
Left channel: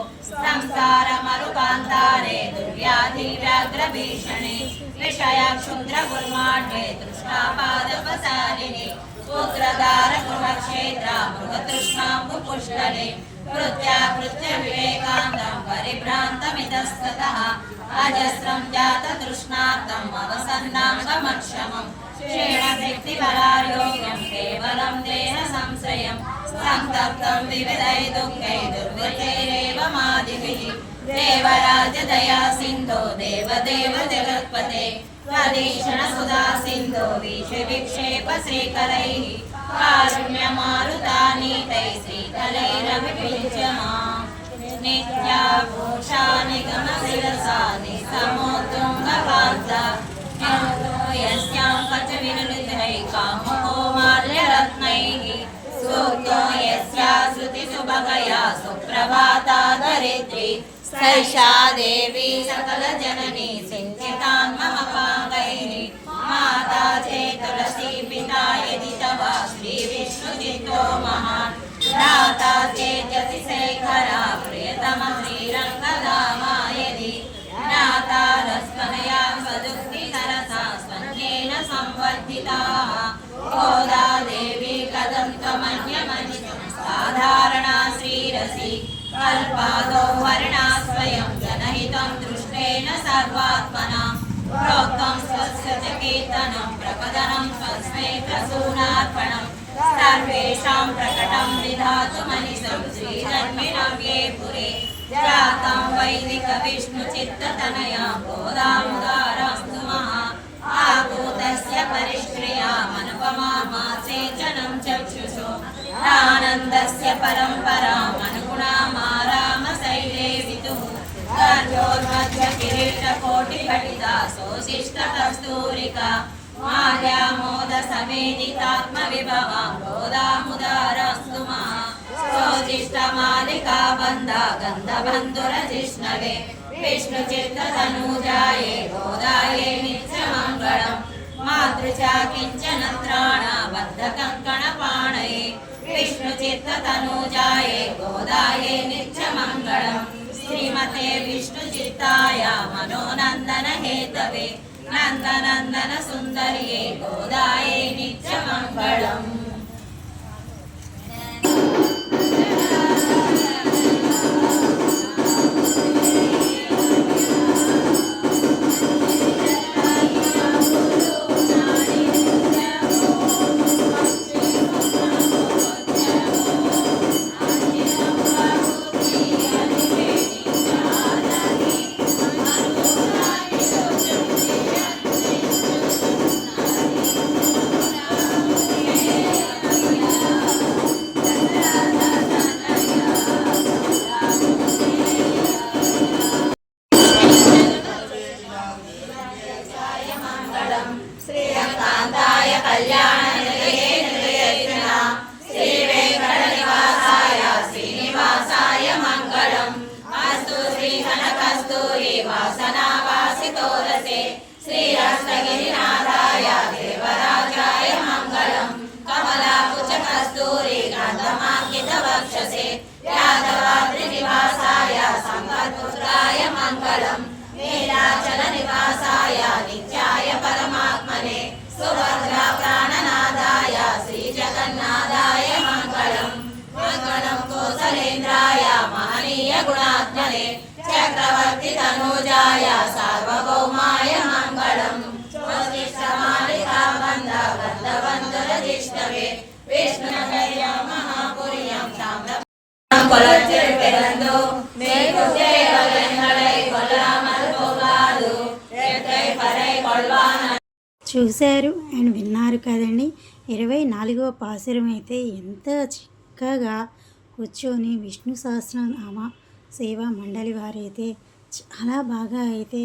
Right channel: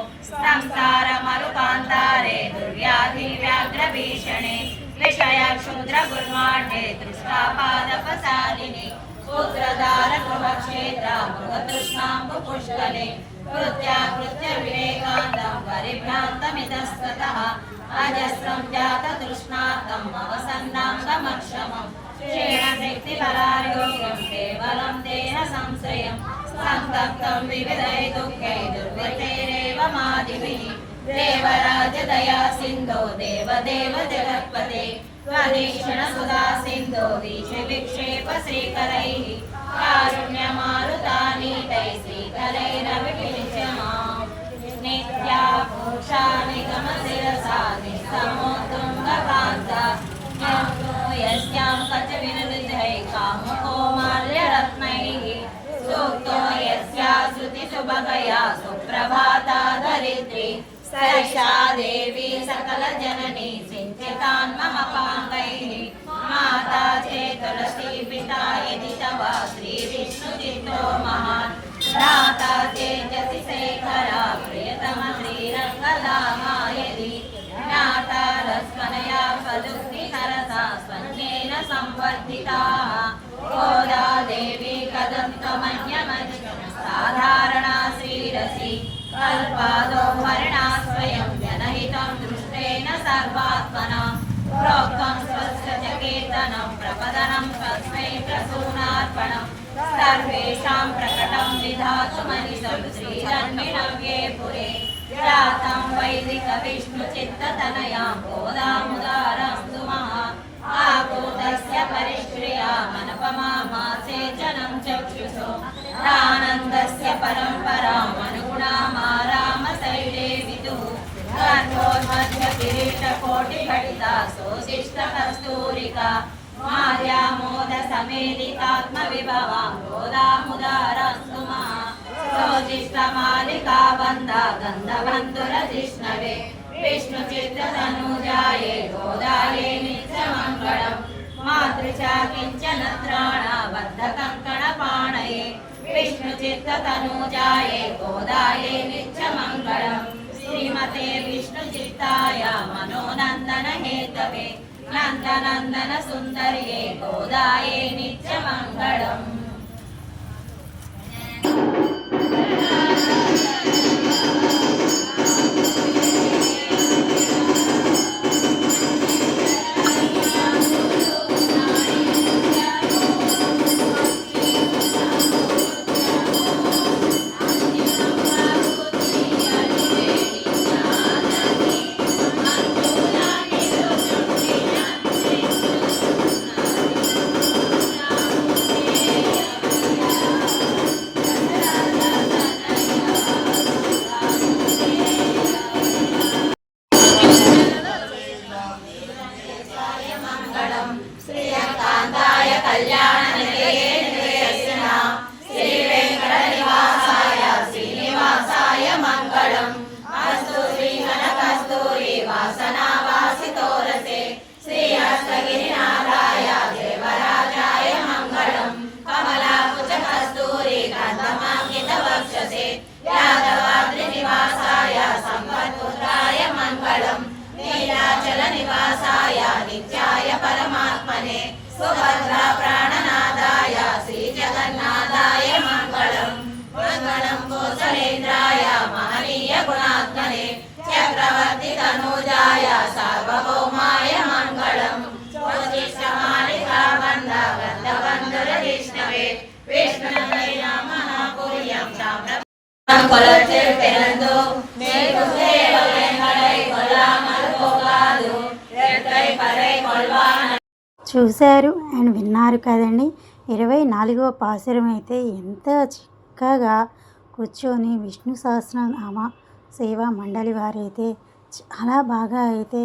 संस्कारमरुपान्तारे दुर्व्याधिव्याघ्रभीषणे विषयक्षुद्रगुल्माढ्ये तृष्णापादपसारिणि पुत्रदारगृहक्षेत्रा मृगतृष्णाम्बुपुष्कले कृत्याकृत्यविवेकान्तं परिभ्रान्तमितस्ततः अजस्रं जाततृष्णार्तं अवसन्नाङ्गमक्षमम् क्षेणशक्तिबलार्योग्यं केवलं देहसंश्रयं సంతప్తం వివిధై దుఃఖై దుర్గతైరేవ మాదిభిః దేవరాజదయా సింధో దేవదేవ జగత్పతే స్వదేశన సుధా సింధో విక్షేప శ్రీకరైః కారుణ్యమారుతానీతై శ్రీకరైరవిపించమా నిత్యా పూషా నిగమ శిరసా నిస్సమోత్తుంగకాంత యస్యాం పచ వినులితై కామకోమాల్యరత్నైః సూక్తో యస్యా శృతి సుభగయా సుప్రభాతా ధరిత్రి సైషా దేవి సకల జననీ సించితాన్మహపాంగైః మాతా చేతులసీ పితా యది తవ శ్రీ విష్ణు చిత్తో మహాన్ భ్రాతా తేజసి శేఖరా ప్రియతమ శ్రీరంగధామా యది జ్ఞాతా రస్మనయా సదుక్తి సరసా స్వన్యేన సంవర్ధితాః గోదా దేవి కథం త్వమన్యమజితం సాధారణా శ్రీరసి కల్పాదో వర్ణా స్వయం జనహితం దృష్టేన సర్వాత్మనా ప్రోక్తం స్వస్య చ కీర్తనం ప్రపదనం తస్మై ప్రసూనార్పణం సర్వేషాం ప్రకటం విధాతుమనిసం శ్రీధన్వినవ్యే పురే జాతం వైదిక విష్ణు చిత్తతనయాం గోదాముదారస్తు మహా ఆకూతస్య పరిష్క్రియామనుపమామాసే జనం చక్షుషో ఆనందస్య పరంపరామనుగుణామారామశైలే విదుః గర్భోన్మధ్య కిరీటకోటిఘటితా సోశిష్టకస్తూరికా మాల్యామోద సమేదితాత్మ విభవాం గోదాముదారస్తు మహా సోశిష్టమాలికా బంధా గంధబంధురజిష్ణవే విష్ణు చిత్తతనూజాయే గోదాయే నిత్యమంగళం మాతృచా కించన త్రాణబద్ధ కంకణ పాణయే విష్ణు చిత్తతనూజాయే గోదాయే నిత్యమంగళం శ్రీమతే విష్ణు చిత్తాయ మనోనందన హేతవే నందనందన సుందర్యే గోదాయే నిత్యమంగళం. శ్రీకాంతాయ కళ్యాణ నిలయే నిలయస్న శ్రీ వెంకటనివాసాయ శ్రీనివాసాయ మంగళం అస్తు శ్రీమన కస్తూరి వాసనావాసితోరసే శ్రీ హస్తగిరినాథాయ దేవరాజాయ మంగళం కమలాకుచ కస్తూరి కందమాంకిత వక్షసే యాదవాద్రి నివాసాయ సంపత్పుత్రాయ మంగళం నీలాచల నివాసాయ నిత్యాయ పరమాత్మనే సుభద్ర ప్రాణనాదాయ శ్రీ జగన్నాథాయ మంగళం మంగళం కోసలేంద్రాయ మహనీయ గుణాత్మనే చక్రవర్తి తనూజాయ సార్వభౌమాయ మంగళం స్వస్తిష్టమాలికా బంధ గంధబంధరజిష్ణవే విష్ణుదయ మహాపుర్యం கொலச்சில் பிறந்து மேற்கு சேவலை கொல்லாமல் போகாது இரட்டை பறை கொள்வான். చూశారు అండ్ విన్నారు కదండి. 24వ పాసురం అయితే ఎంత చక్కగా కూర్చొని విష్ణు సహస్రనామ సేవా మండలి వారైతే చాలా బాగా అయితే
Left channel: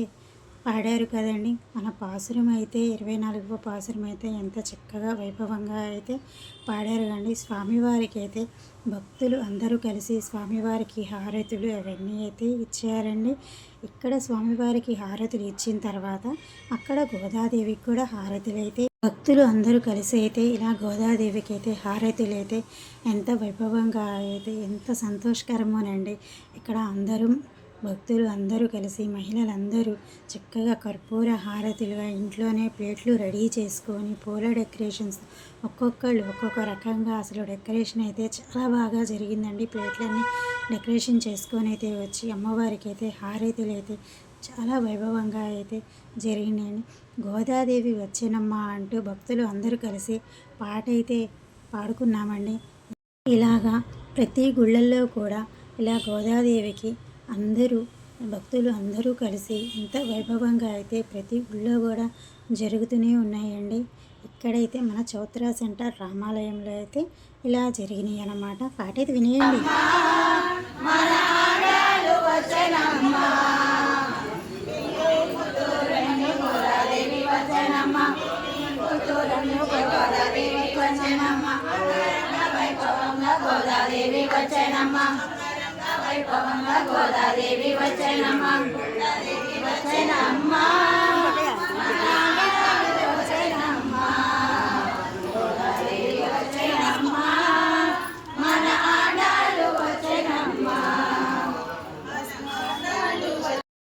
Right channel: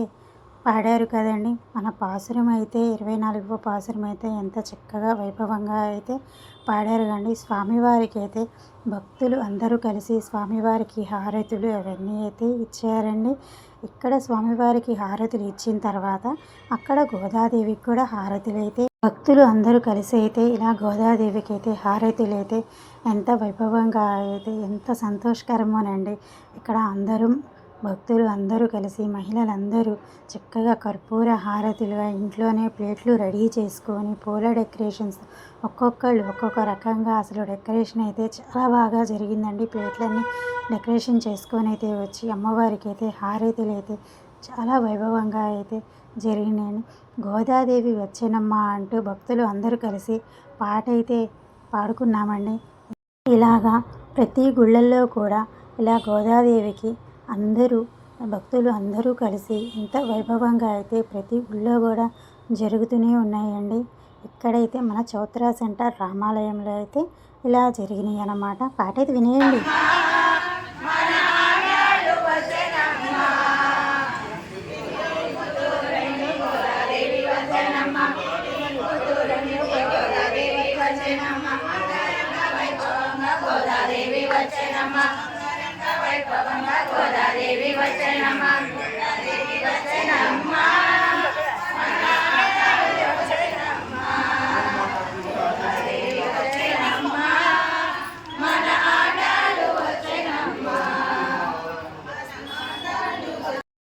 పాడారు కదండి. మన పాసురం అయితే 24వ పాసురం అయితే ఎంత చక్కగా వైభవంగా అయితే పాడారు కండి. స్వామివారికి అయితే భక్తులు అందరూ కలిసి స్వామివారికి హారతులు అవన్నీ అయితే ఇచ్చారండి. ఇక్కడ స్వామివారికి హారతులు ఇచ్చిన తర్వాత అక్కడ గోదాదేవికి కూడా హారతులు అయితే భక్తులు అందరూ కలిసి అయితే ఇలా గోదాదేవికి అయితే హారతులు అయితే ఎంత వైభవంగా అయితే ఎంత సంతోషకరమోనండి. ఇక్కడ అందరూ భక్తులు అందరూ కలిసి మహిళలందరూ చక్కగా కర్పూర హారతులుగా ఇంట్లోనే ప్లేట్లు రెడీ చేసుకొని పూల డెకరేషన్స్ ఒక్కొక్కళ్ళు ఒక్కొక్క రకంగా అసలు డెకరేషన్ అయితే చాలా బాగా జరిగిందండి. ప్లేట్లన్నీ డెకరేషన్ చేసుకొని అయితే వచ్చి అమ్మవారికి అయితే హారతులు అయితే చాలా వైభవంగా అయితే జరిగినాయండి. గోదాదేవి వచ్చేనమ్మా అంటూ భక్తులు అందరూ కలిసి పాట అయితే పాడుకున్నామండి. ఇలాగా ప్రతి గుళ్ళల్లో కూడా ఇలా గోదాదేవికి అందరూ భక్తులు అందరూ కలిసి ఇంత వైభవంగా అయితే ప్రతి గుళ్ళో కూడా జరుగుతూనే ఉన్నాయండి. ఇక్కడైతే మన చౌత్రా సెంటర్ రామాలయంలో అయితే ఇలా జరిగినాయి అన్నమాట. పాట అయితే వినేయండి.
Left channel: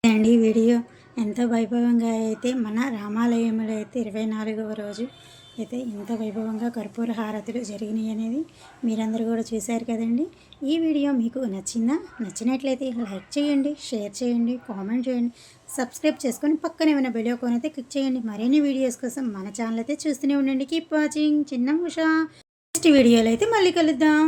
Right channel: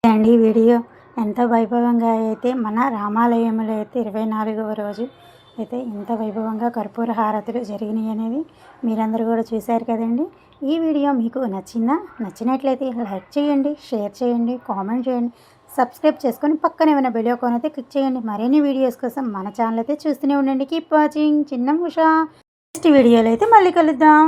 అండి వీడియో ఎంత వైభవంగా అయితే మన రామాలయంలో అయితే 24వ రోజు అయితే ఎంత వైభవంగా కర్పూర హారతులు జరిగినాయి అనేది మీరందరూ కూడా చూశారు కదండి. ఈ వీడియో మీకు నచ్చిందా? నచ్చినట్లయితే లైక్ చేయండి, షేర్ చేయండి, కామెంట్ చేయండి, సబ్స్క్రైబ్ చేసుకొని పక్కనే ఉన్న బెల్ ఐకాన్ అయితే క్లిక్ చేయండి. మరిన్ని వీడియోస్ కోసం మన ఛానల్ అయితే చూస్తూనే ఉండండి. కీప్ వాచింగ్ చిన్న ఉషా. నెక్స్ట్ వీడియోలో అయితే మళ్ళీ కలుద్దాం.